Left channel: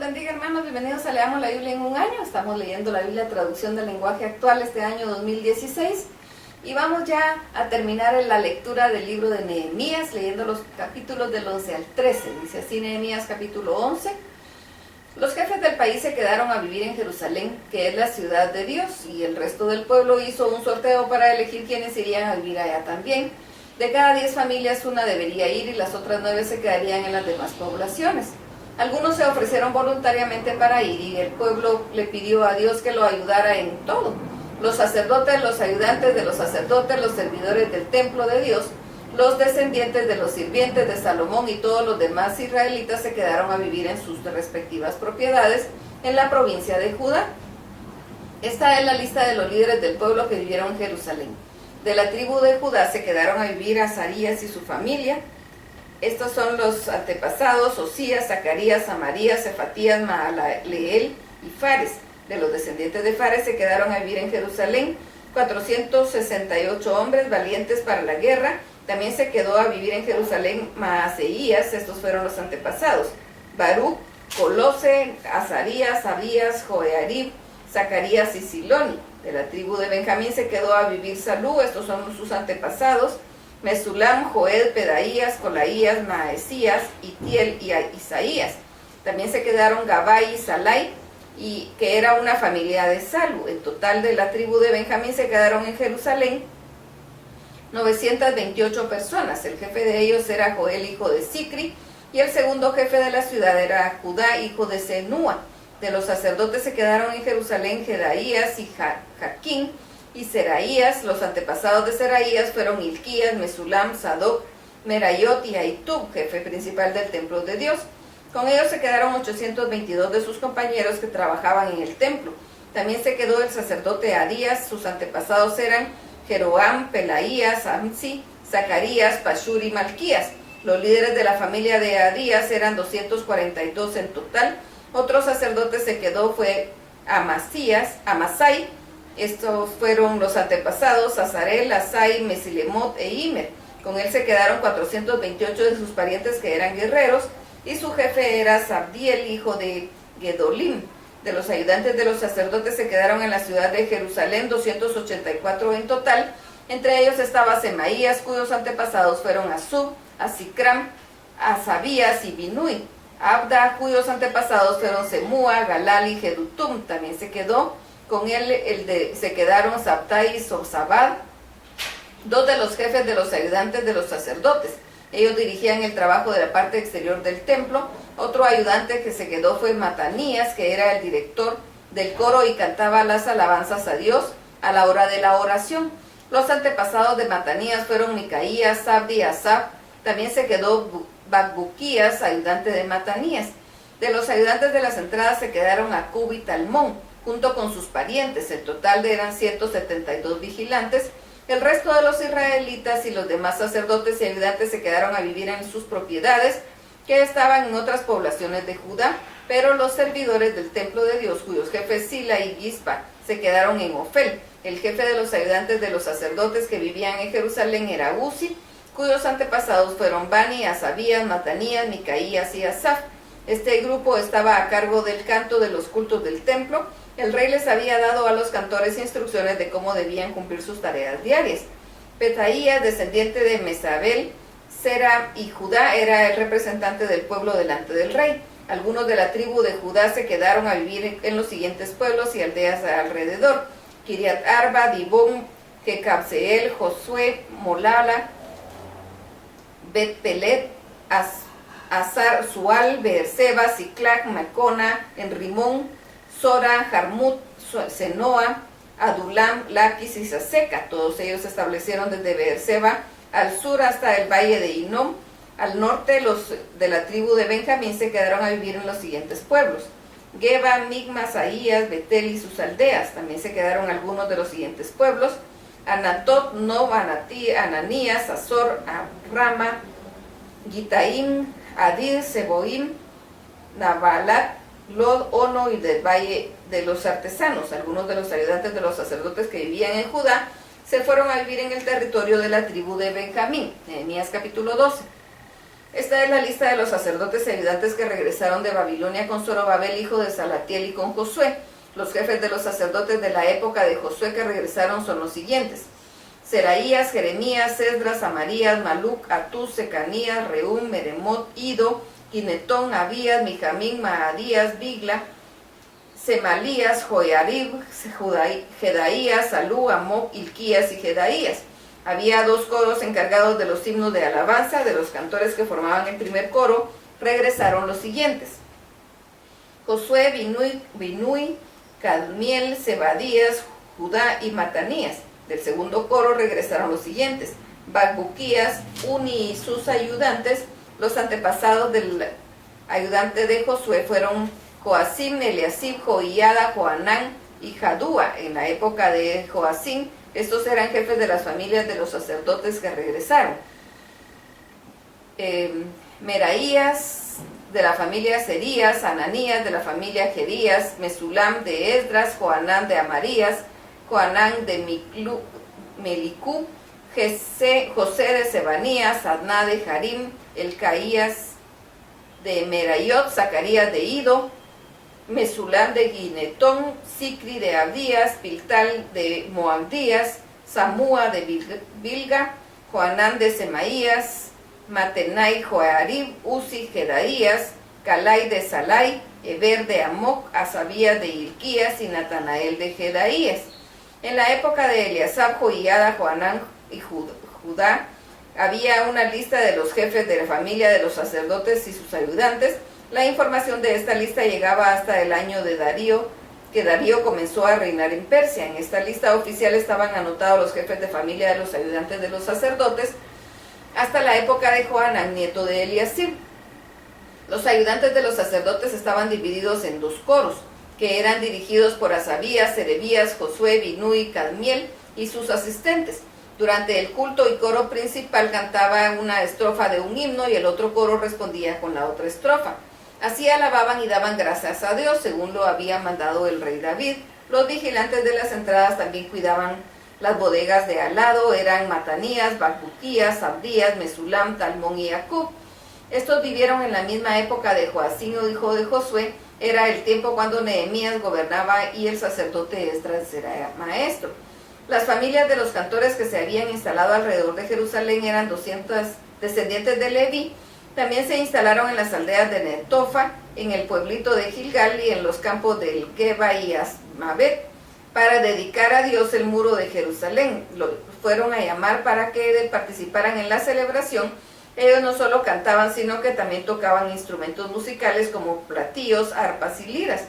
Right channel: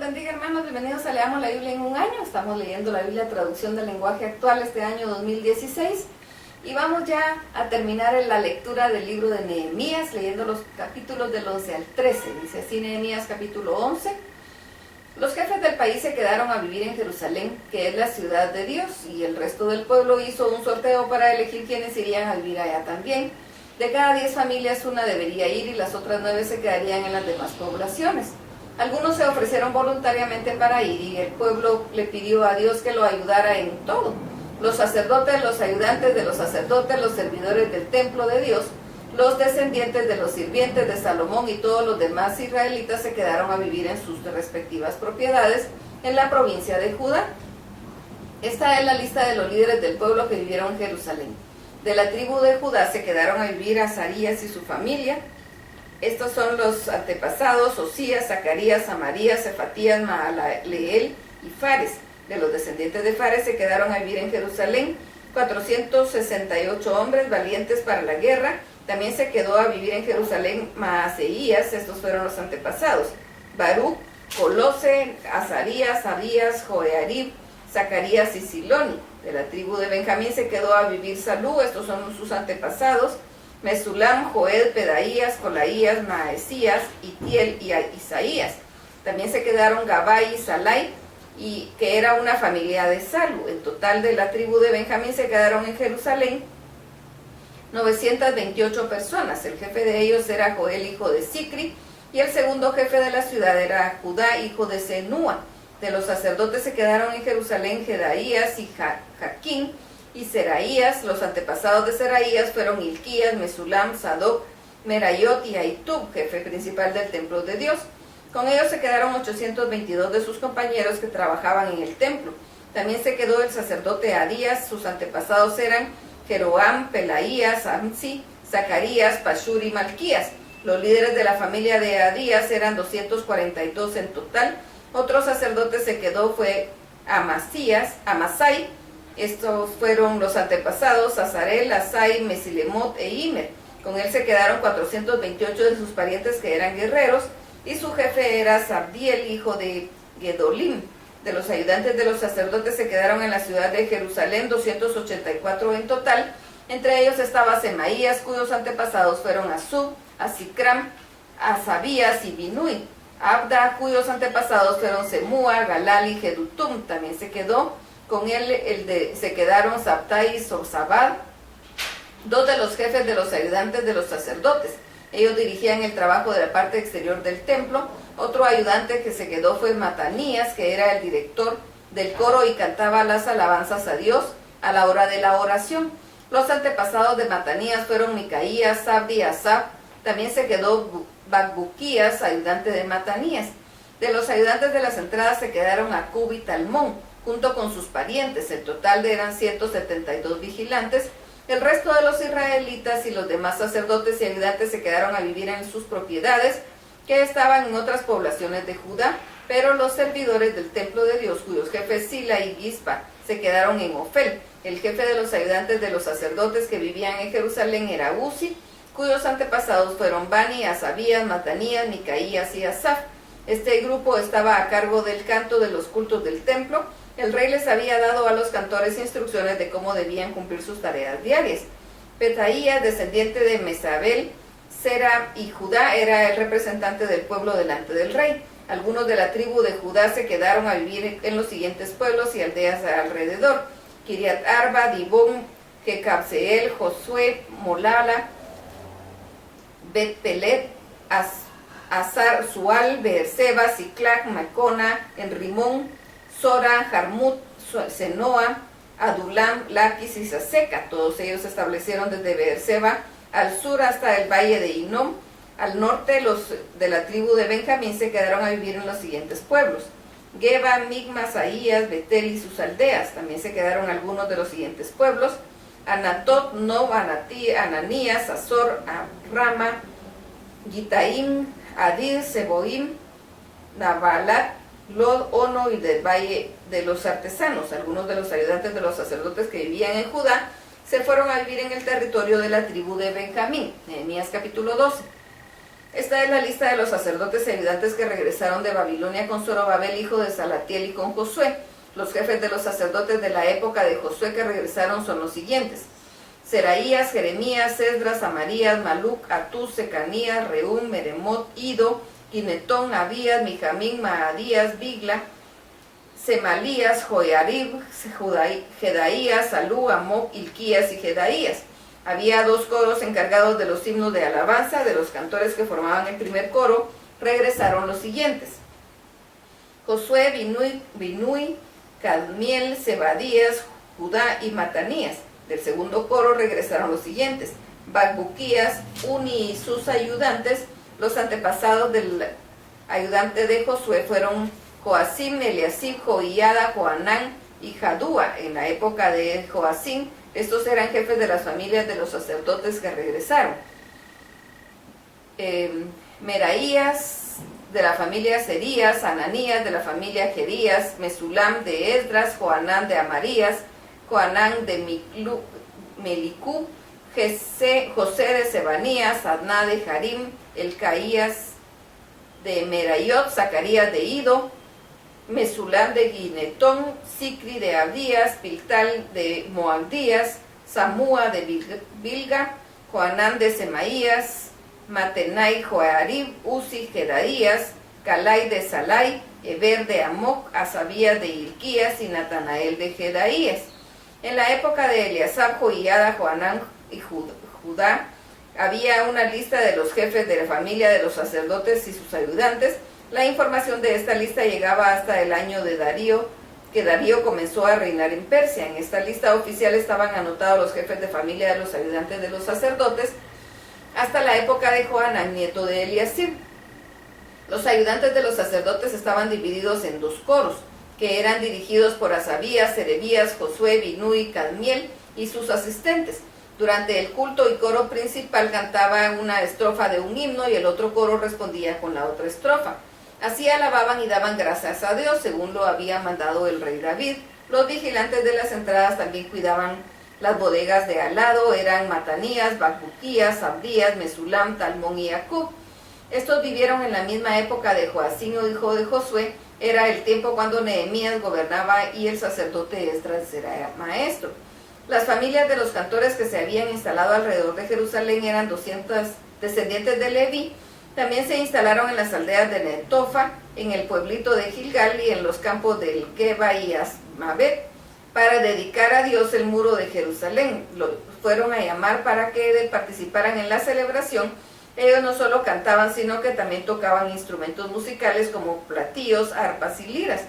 los bendiga, hermanos. Bienvenidos a Leamos la Biblia en un año. Estamos leyendo la Biblia Traducción del Lenguaje Actual este año 2016. Y vamos ya a terminar en la lectura del libro de Nehemías, leyendo los capítulos del 11 al 13. Dice así Nehemías capítulo 11. Los jefes del país se quedaron a vivir en Jerusalén, que es la ciudad de Dios, y el resto del pueblo hizo un sorteo para elegir quienes irían a vivir allá también. De cada 10 familias, una debería ir y las otras 9 se quedarían en las demás poblaciones. Algunos se ofrecieron voluntariamente para ir y el pueblo le pidió a Dios que lo ayudara en todo. Los sacerdotes, los ayudantes de los sacerdotes, los servidores del templo de Dios, los descendientes de los sirvientes de Salomón y todos los demás israelitas se quedaron a vivir en sus respectivas propiedades en la provincia de Judá. Esta es la lista de los líderes del pueblo que vivieron en Jerusalén. De la tribu de Judá se quedaron a vivir Azarías y su familia. Estos son los antepasados: Osías, Zacarías, Amarías, Cefatías, Maalaleel y Fares. De los descendientes de Fares se quedaron a vivir en Jerusalén 468 hombres valientes para la guerra. También se quedó a vivir en Jerusalén Maaseías. Estos fueron los antepasados: Baruch, Colose, Azarías, Abías, Joearib, Zacarías y Siloni. De la tribu de Benjamín se quedó a vivir Salú. Estos son sus antepasados: Mesulam, Joed, Pedaías, Colaías, Maesías, Itiel y Isaías. También se quedaron Gabai y Salai, y que era una familia de Salu. En total, de la tribu de Benjamín se quedaron en Jerusalén 928 personas. El jefe de ellos era Joel, hijo de Sicri, y el segundo jefe de la ciudad era Judá, hijo de Senúa. De los sacerdotes se quedaron en Jerusalén Jedaías y Jaquín y Seraías. Los antepasados de Seraías fueron Hilquías, Mesulam, Sadoc, Merayot y Ahitub, jefe principal del templo de Dios. Con ellos se quedaron 822 de sus compañeros que trabajaban en el templo. También se quedó el sacerdote Adías. Sus antepasados eran Jeroam, Pelaías, Amsi, Zacarías, Pashur y Malquías. Los líderes de la familia de Adías eran 242 en total. Otro sacerdote se quedó fue Amasai. Estos fueron los antepasados: Azarel, Asai, Mesilemot e Imer. Con él se quedaron 428 de sus parientes que eran guerreros, y su jefe era Sabdiel, hijo de Gedolim. De los ayudantes de los sacerdotes se quedaron en la ciudad de Jerusalén 284 en total. Entre ellos estaba Semaías, cuyos antepasados fueron Asub, Asicram, Asabías y Binui. Abda, cuyos antepasados fueron Semúa, Galal y Jedutum. También se quedó con él se quedaron Sabtai y Zozabad, dos de los jefes de los ayudantes de los sacerdotes. Ellos dirigían el trabajo de la parte exterior del templo. Otro ayudante que se quedó fue Matanías, que era el director del coro y cantaba las alabanzas a Dios a la hora de la oración. Los antepasados de Matanías fueron Micaías, Sabdi y Asaf. También se quedó Bacbuquías, ayudante de Matanías. De los ayudantes de las entradas se quedaron Acub y Talmón, junto con sus parientes. El total eran 172 vigilantes. El resto de los israelitas y los demás sacerdotes y ayudantes se quedaron a vivir en sus propiedades, que estaban en otras poblaciones de Judá, pero los servidores del templo de Dios, cuyos jefes Sila y Gispa, se quedaron en Ofel. El jefe de los ayudantes de los sacerdotes que vivían en Jerusalén era Uzi, cuyos antepasados fueron Bani, Asabías, Matanías, Micaías y Asaf. Este grupo estaba a cargo del canto de los cultos del templo. El rey les había dado a los cantores instrucciones de cómo debían cumplir sus tareas diarias. Petaías, descendiente de Mesabel, Sera y Judá, era el representante del pueblo delante del rey. Algunos de la tribu de Judá se quedaron a vivir en los siguientes pueblos y aldeas alrededor: Kiriat Arba, Dibón, Jecabseel, Josué, Molala, Bet Pelet, Azar, Sual, Beerseba, Siclac, Macona, Enrimón, Sora, Jarmut, Senoa, Adulam, Laquis y Saseca. Todos ellos se establecieron desde Beerseba al sur hasta el valle de Inom. Al norte, los de la tribu de Benjamín se quedaron a vivir en los siguientes pueblos: Geba, Migma, Saías, Betel y sus aldeas. También se quedaron algunos de los siguientes pueblos: Anatot, Nob, Ananías, Azor, Rama, Gitaim, Adid, Seboim, Nabalat, Lod, Ono y del valle de los artesanos. Algunos de los ayudantes de los sacerdotes que vivían en Judá se fueron a vivir en el territorio de la tribu de Benjamín. Nehemías capítulo 12. Esta es la lista de los sacerdotes y ayudantes que regresaron de Babilonia con Zorobabel, hijo de Salatiel, y con Josué. Los jefes de los sacerdotes de la época de Josué que regresaron son los siguientes: Seraías, Jeremías, Esdras, Amarías, Maluc, Atús, Secanías, Reúm, Meremot, Ido, Ginetón, Abías, Mijamín, Maadías, Bigla, Semalías, Joiarib, Jedaías, Salú, Amoc, Ilquías y Jedaías. Había 2 coros encargados de los himnos de alabanza. De los cantores que formaban el primer coro regresaron los siguientes: Josué, Binui, Cadmiel, Zebadías, Judá y Matanías. Del segundo coro regresaron los siguientes: Bacbuquías, Uni y sus ayudantes. Los antepasados del ayudante de Josué fueron Joacim, Eliasib, Joiada, Joanán y Jadúa. En la época de Joacim, estos eran jefes de las familias de los sacerdotes que regresaron. Meraías, de la familia Serías, Ananías, de la familia Jerías, Mesulam de Esdras, Joanán de Amarías, Joanán de Melicú, José de Sebanías, Adná de Harim, Elcaías de Merayot, Zacarías de Ido, Mesulam de Ginetón, Sicri de Abdías, Piltal de Moabdías, Samúa de Bilga, Joanán de Semaías, Matenai, Joarib, Uzi, Jedaías, Calai de Salai, Eber de Amoc, Asabías de Ilquías y Natanael de Jedaías. En la época de Eliasab, Joiada, Joanán y Judá, había una lista de los jefes de la familia de los sacerdotes y sus ayudantes. La información de esta lista llegaba hasta el año de Darío, que Darío comenzó a reinar en Persia. En esta lista oficial estaban anotados los jefes de familia de los ayudantes de los sacerdotes hasta la época de Joanán, nieto de Eliasib. Los ayudantes de los sacerdotes estaban divididos en 2 coros, que eran dirigidos por Asabías, Serebías, Josué, Binui, Cadmiel y sus asistentes. Durante el culto y coro principal cantaba una estrofa de un himno y el otro coro respondía con la otra estrofa. Así alababan y daban gracias a Dios, según lo había mandado el rey David. Los vigilantes de las entradas también cuidaban las bodegas de al lado. Eran Matanías, Bacbuquías, Abdías, Mesulam, Talmón y Acub. Estos vivieron en la misma época de Joacim, hijo de Josué. Era el tiempo cuando Nehemías gobernaba y el sacerdote Esdras era maestro. Las familias de los cantores que se habían instalado alrededor de Jerusalén eran 200 descendientes de Leví. También se instalaron en las aldeas de Netofa, en el pueblito de Gilgal y en los campos del Geba y Asmavet, para dedicar a Dios el muro de Jerusalén. Lo fueron a llamar para que participaran en la celebración. Ellos no solo cantaban, sino que también tocaban instrumentos musicales como platillos, arpas y liras.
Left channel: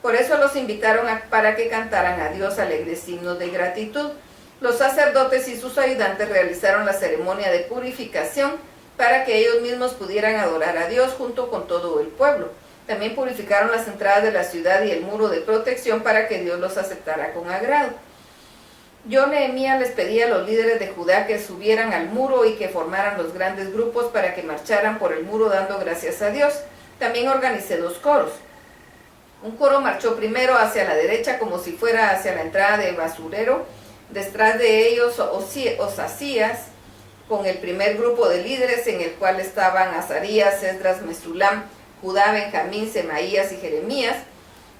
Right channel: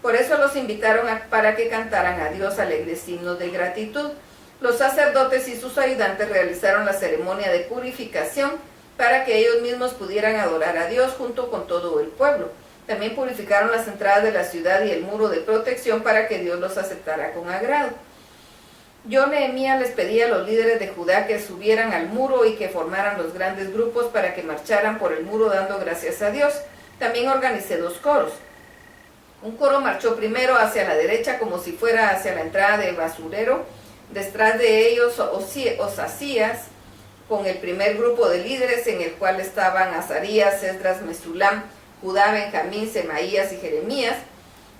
Por eso los invitaron para que cantaran a Dios alegres himnos de gratitud. Los sacerdotes y sus ayudantes realizaron la ceremonia de purificación para que ellos mismos pudieran adorar a Dios junto con todo el pueblo. También purificaron las entradas de la ciudad y el muro de protección para que Dios los aceptara con agrado. Yo, Nehemías, les pedí a los líderes de Judá que subieran al muro y que formaran los grandes grupos para que marcharan por el muro dando gracias a Dios. También organicé 2 coros. Un coro marchó primero hacia la derecha como si fuera hacia la entrada del basurero. Detrás de ellos Osasías, con el primer grupo de líderes en el cual estaban Azarías, Esdras, Mesulam, Judá, Benjamín, Semaías y Jeremías.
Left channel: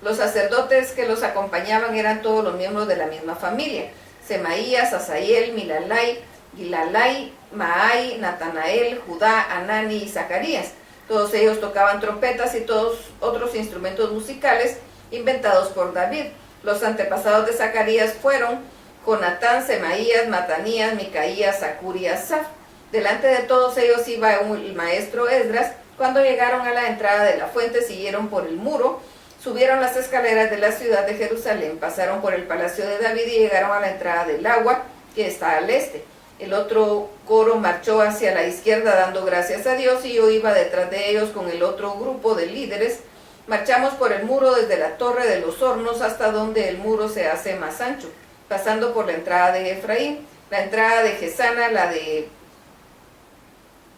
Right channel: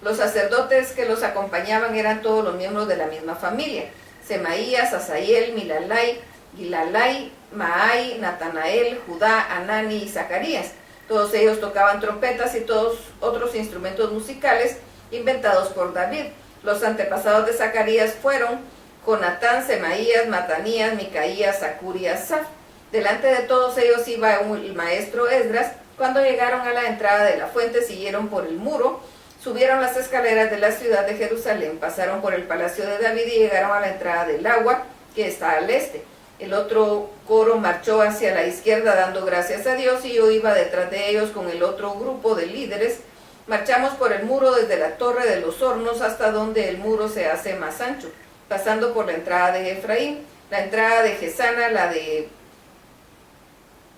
Los sacerdotes que los acompañaban eran todos los miembros de la misma familia: Semaías, Asael, Milalai, Gilalai, Maai, Natanael, Judá, Anani y Zacarías. Todos ellos tocaban trompetas y todos otros instrumentos musicales inventados por David. Los antepasados de Zacarías fueron Jonatán, Semaías, Matanías, Micaías, Zacur y Asaf. Delante de todos ellos iba el maestro Esdras. Cuando llegaron a la entrada de la fuente, siguieron por el muro, subieron las escaleras de la ciudad de Jerusalén, pasaron por el palacio de David y llegaron a la entrada del agua, que está al este. El otro coro marchó hacia la izquierda dando gracias a Dios y yo iba detrás de ellos con el otro grupo de líderes. Marchamos por el muro desde la torre de los hornos hasta donde el muro se hace más ancho, pasando por la entrada de Efraín, la entrada de Gesana, la de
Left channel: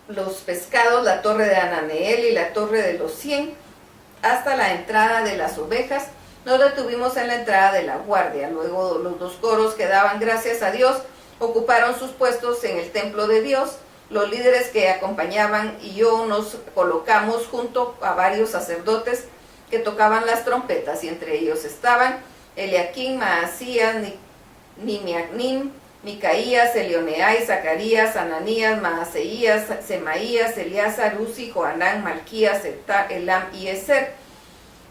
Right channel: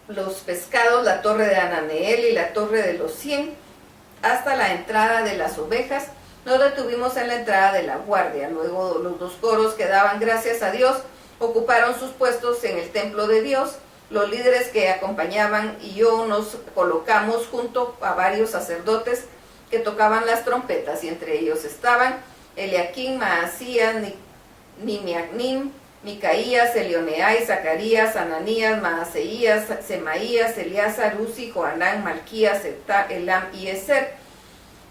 los pescados, la torre de Ananeel y la torre de los 100, hasta la entrada de las ovejas. Nos detuvimos en la entrada de la guardia. Luego los 2 coros que daban gracias a Dios ocuparon sus puestos en el templo de Dios. Los líderes que acompañaban y yo nos colocamos junto a varios sacerdotes que tocaban las trompetas, y entre ellos estaban Eliaquim, Maasías, Nimiacnim, Micaías, Elioneai, Zacarías, Ananías, Maaseías, Semaías, Eleazar, Uzi, Joanán, Malquías, Elam y Ezer.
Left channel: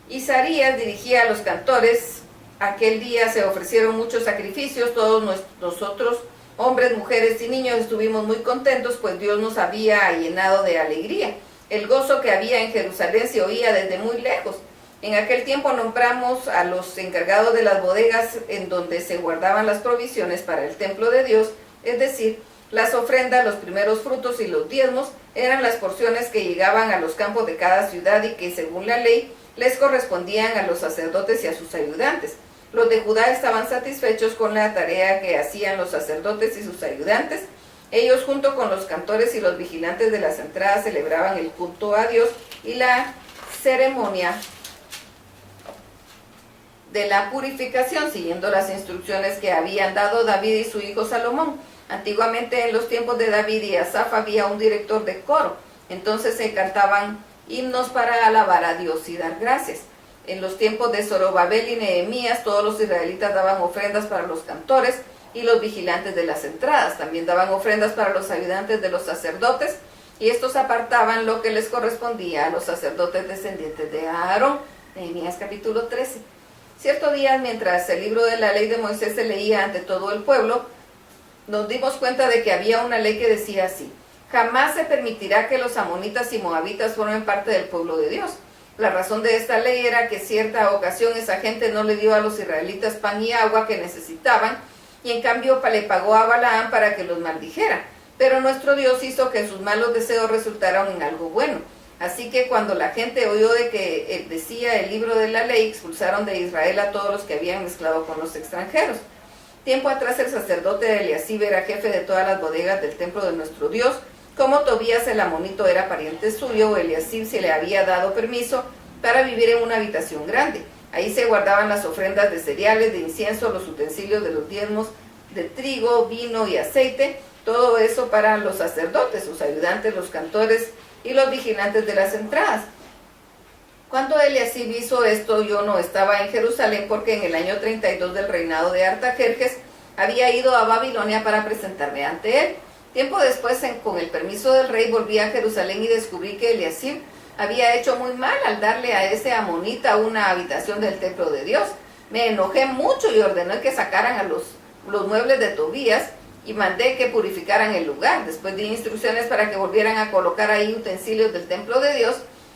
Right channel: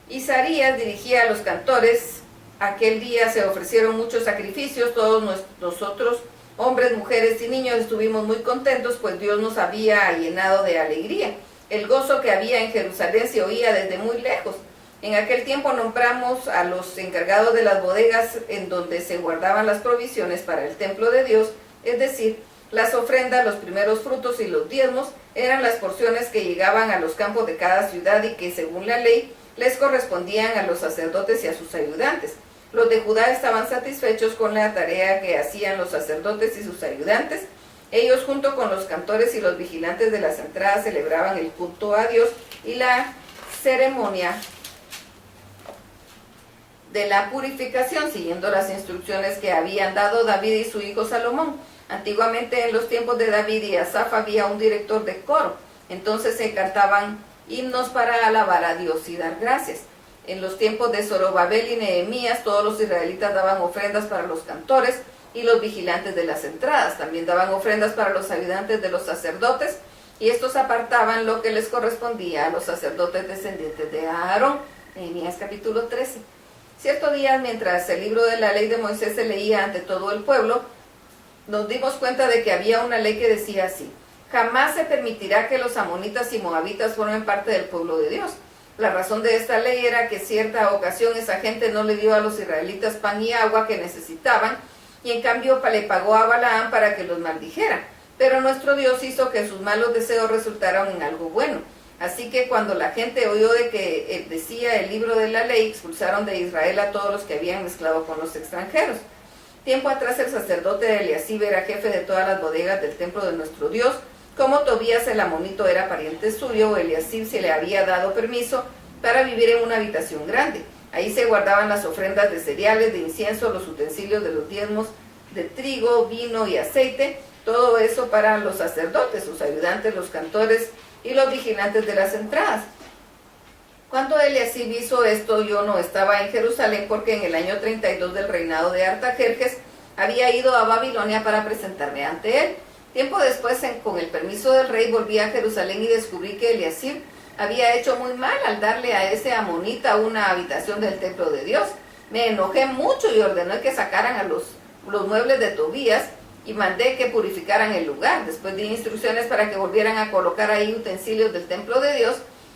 Isaías dirigía a los cantores. Aquel día se ofrecieron muchos sacrificios. Todos nosotros, hombres, mujeres y niños, estuvimos muy contentos, pues Dios nos había llenado de alegría. El gozo que había en Jerusalén se oía desde muy lejos. En aquel tiempo nombramos a los encargados de las bodegas en donde se guardaban las provisiones para el templo de Dios, es decir, las ofrendas, los primeros frutos y los diezmos eran las porciones que llegaban a los campos de cada ciudad y que según la ley les correspondían a los sacerdotes y a sus ayudantes. Los de Judá estaban satisfechos con la tarea que hacían los sacerdotes y sus ayudantes. Ellos junto con los cantores y los vigilantes de las entradas celebraban el culto a Dios y la ceremonia de la purificación, siguiendo las instrucciones que habían dado David y su hijo Salomón. Antiguamente, en los tiempos de David y Asaf, había un director de coro. Entonces se cantaban himnos para alabar a Dios y dar gracias. En los tiempos de Zorobabel y Nehemías, todos los israelitas daban ofrendas para los cantores y los vigilantes de las entradas. También daban ofrendas para los ayudantes de los sacerdotes, y estos apartaban lo que les correspondía a los sacerdotes descendientes de Aarón. Nehemías capítulo 13. Cierto día, mientras el libro de la ley de Moisés se leía ante todo el pueblo, nos dimos cuenta de que había una ley que decía así: jamás se permitirá que los amonitas y moabitas formen parte del pueblo de Dios. La razón de esta ley era que cierta ocasión esa gente no le dio a los israelitas pan y agua que necesitaban, y en cambio le pagó a Balaam para que los maldijera. Pero nuestro Dios hizo que sus malos deseos resultaran en algo bueno. Así que cuando la gente oyó de que decía el libro de la ley, expulsaron de Israel a todos los que habían mezclado con los extranjeros. Tiempo atrás el sacerdote Eliasib era jefe de todas las bodegas del templo de nuestro Dios. Como Tobías el amonito era pariente suyo, Eliasib se le había dado permiso para vivir en una habitación grande. Ahí se guardaban las ofrendas de cereales, de incienso, los utensilios de los diezmos, de trigo, vino y aceite, todo eso para los sacerdotes, sus ayudantes, los cantores y los vigilantes de las entradas. Cuando Eliasib hizo esto, yo no estaba en Jerusalén, porque en el año 32 del reinado de Artajerjes había ido a Babilonia para presentarme ante él. Tiempo después, con el permiso del rey, volví a Jerusalén y descubrí que Eliasib había hecho muy mal al darle a ese amonita una habitación del templo de Dios. Me enojé mucho y ordené que sacaran a los muebles de Tobías y mandé que purificaran el lugar. Después di instrucciones para que volvieran a colocar ahí utensilios del templo de Dios,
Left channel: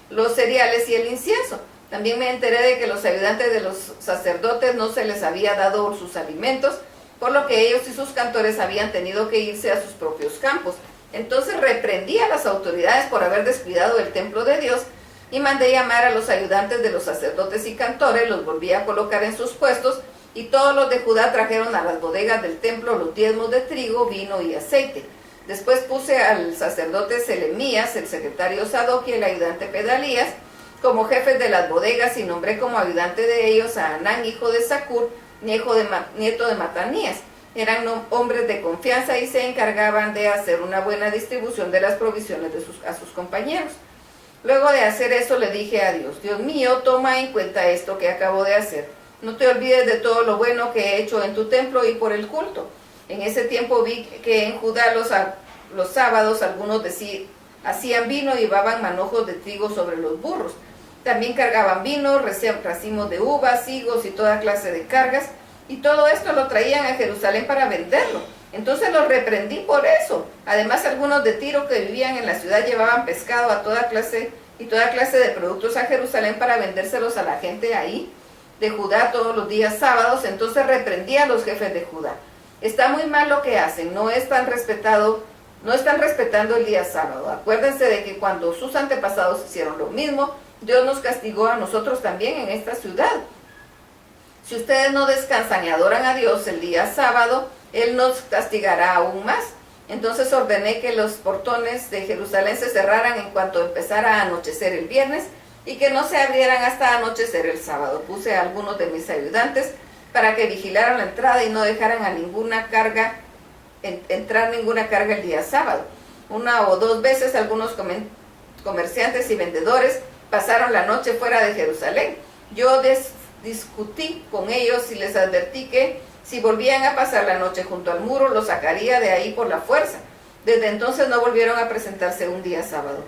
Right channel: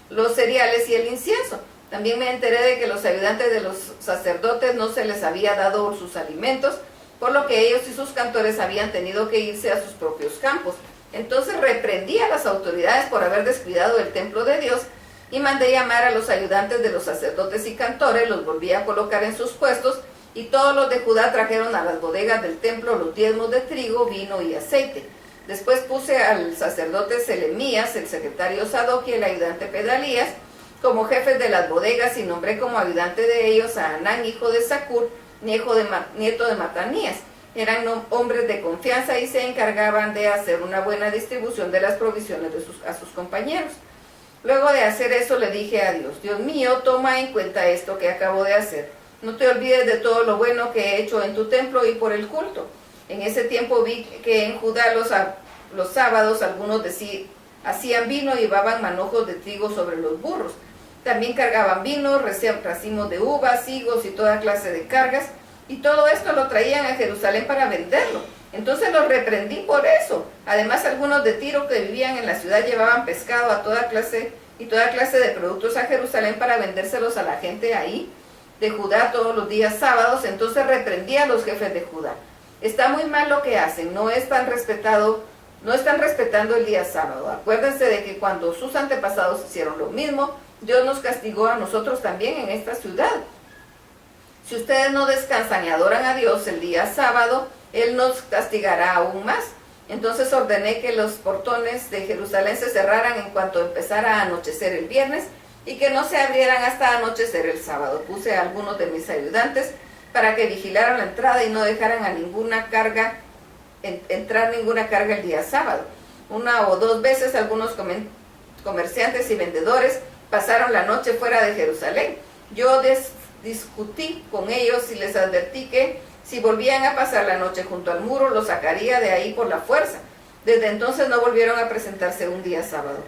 los cereales y el incienso. También me enteré de que los ayudantes de los sacerdotes no se les había dado sus alimentos, por lo que ellos y sus cantores habían tenido que irse a sus propios campos. Entonces reprendí a las autoridades por haber descuidado el templo de Dios y mandé llamar a los ayudantes de los sacerdotes y cantores, los volví a colocar en sus puestos, y todos los de Judá trajeron a las bodegas del templo los diezmos de trigo, vino y aceite. Después puse al sacerdote Selemías, el secretario Sadoc y el ayudante Pedalías como jefes de las bodegas, y nombré como ayudante de ellos a Anán, hijo de Zacur, nieto de Matanías. Eran hombres de confianza y se encargaban de hacer una buena distribución de las provisiones a sus compañeros. Luego de hacer eso le dije a Dios: Dios mío, toma en cuenta esto que acabo de hacer. No te olvides de todo lo bueno que he hecho en tu templo y por el culto. En ese tiempo vi que en Judá los sábados algunos hacían vino y llevaban manojos de trigo sobre los burros. También cargaban vino, racimos de uvas, higos y toda clase de cargas, y todo esto lo traían a Jerusalén para venderlo. Entonces los reprendí por eso. Además, algunos de Tiro que vivían en la ciudad llevaban pescado a toda clase de productos a Jerusalén para vendérselos a la gente ahí de Judá todos los días sábados. Entonces reprendí a los jefes de Judá. Está muy mal lo que hacen, no están respetando el día sábado. Acuérdense de que cuando sus antepasados hicieron lo mismo, Dios nos castigó a nosotros también en esta ciudad. Si ustedes no descansan y adoran a Dios el día sábado, Él nos castigará aún más. Entonces ordené que los portones de Jerusalén se cerraran en cuanto empezara a anochecer el viernes, y que no se abrieran hasta anochecer el sábado. Puse a algunos de mis ayudantes para que vigilaran la entrada y no dejaran a entrar ninguna carga el día sábado. Una o dos veces algunos comerciantes y vendedores pasaron la noche fuera de Jerusalén. Yo discutí con ellos y les advertí que si volvían a pasar la noche junto al muro, los sacaría de ahí por la fuerza. Desde entonces no volvieron a presentarse un día sábado.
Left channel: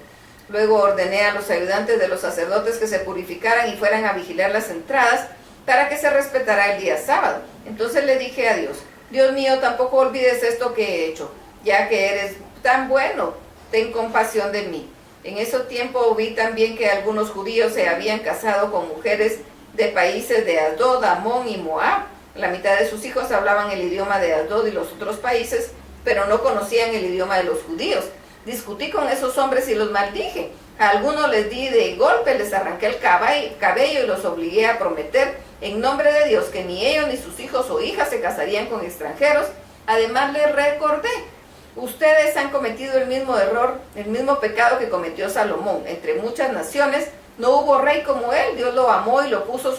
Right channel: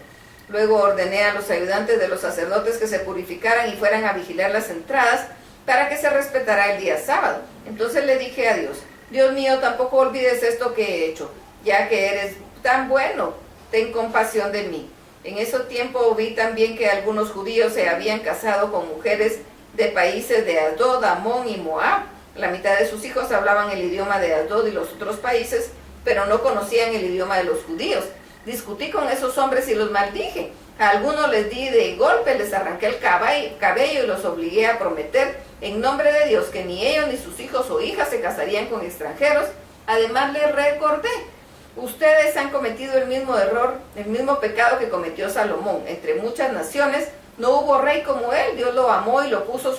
Luego ordené a los ayudantes de los sacerdotes que se purificaran y fueran a vigilar las entradas para que se respetara el día sábado. Entonces le dije a Dios: Dios mío, tampoco olvides esto que he hecho, ya que eres tan bueno, ten compasión de mí. En ese tiempo vi también que algunos judíos se habían casado con mujeres de países de Asdod, Amón y Moab. La mitad de sus hijos hablaban el idioma de Asdod y los otros países, pero no conocían el idioma de los judíos. Discutí con esos hombres y los maldije. A algunos les di de golpe, les arranqué el cabello y los obligué a prometer en nombre de Dios que ni ellos ni sus hijos o hijas se casarían con extranjeros. Además les recordé: ustedes han cometido el mismo error, el mismo pecado que cometió Salomón. Entre muchas naciones no hubo rey como él. Dios lo amó y lo puso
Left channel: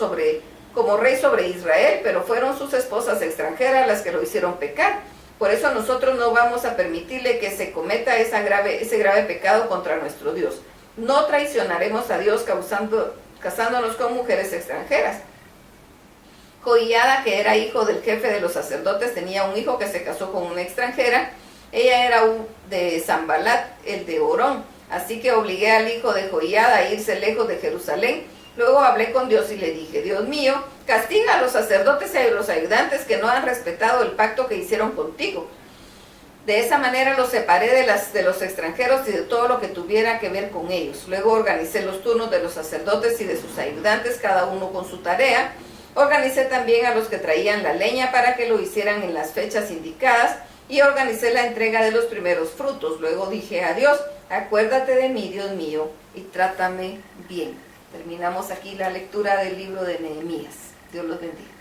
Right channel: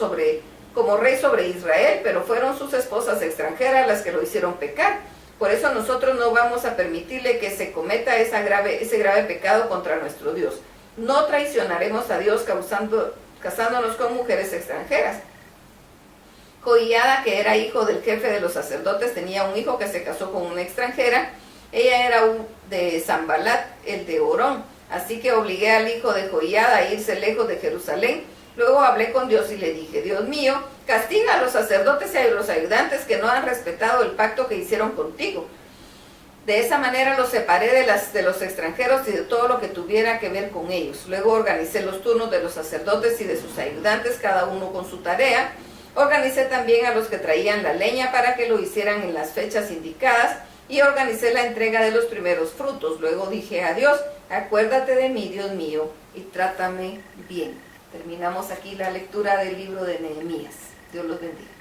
como rey sobre Israel, pero fueron sus esposas extranjeras las que lo hicieron pecar. Por eso nosotros no vamos a permitirle que se cometa ese grave pecado contra nuestro Dios. No traicionaremos a Dios casándonos con mujeres extranjeras. Joiada, que era hijo del jefe de los sacerdotes, tenía un hijo que se casó con una extranjera. Ella era de Zambalat, el de Orón. Así que obligué al hijo de Joiada a irse lejos de Jerusalén. Luego hablé con Dios y le dije: Dios mío, castiga a los sacerdotes y a los ayudantes que no han respetado el pacto que hicieron contigo. De esa manera los separé de los extranjeros y de todo lo que tuviera que ver con ellos. Luego organicé los turnos de los sacerdotes y de sus ayudantes, cada uno con su tarea. Organicé también a los que traían la leña para que lo hicieran en las fechas indicadas, y organicé la entrega de los primeros frutos. Luego dije a Dios: acuérdate de mí, Dios mío, y trátame bien. Terminamos aquí la lectura del libro de Nehemías. Dios los bendiga.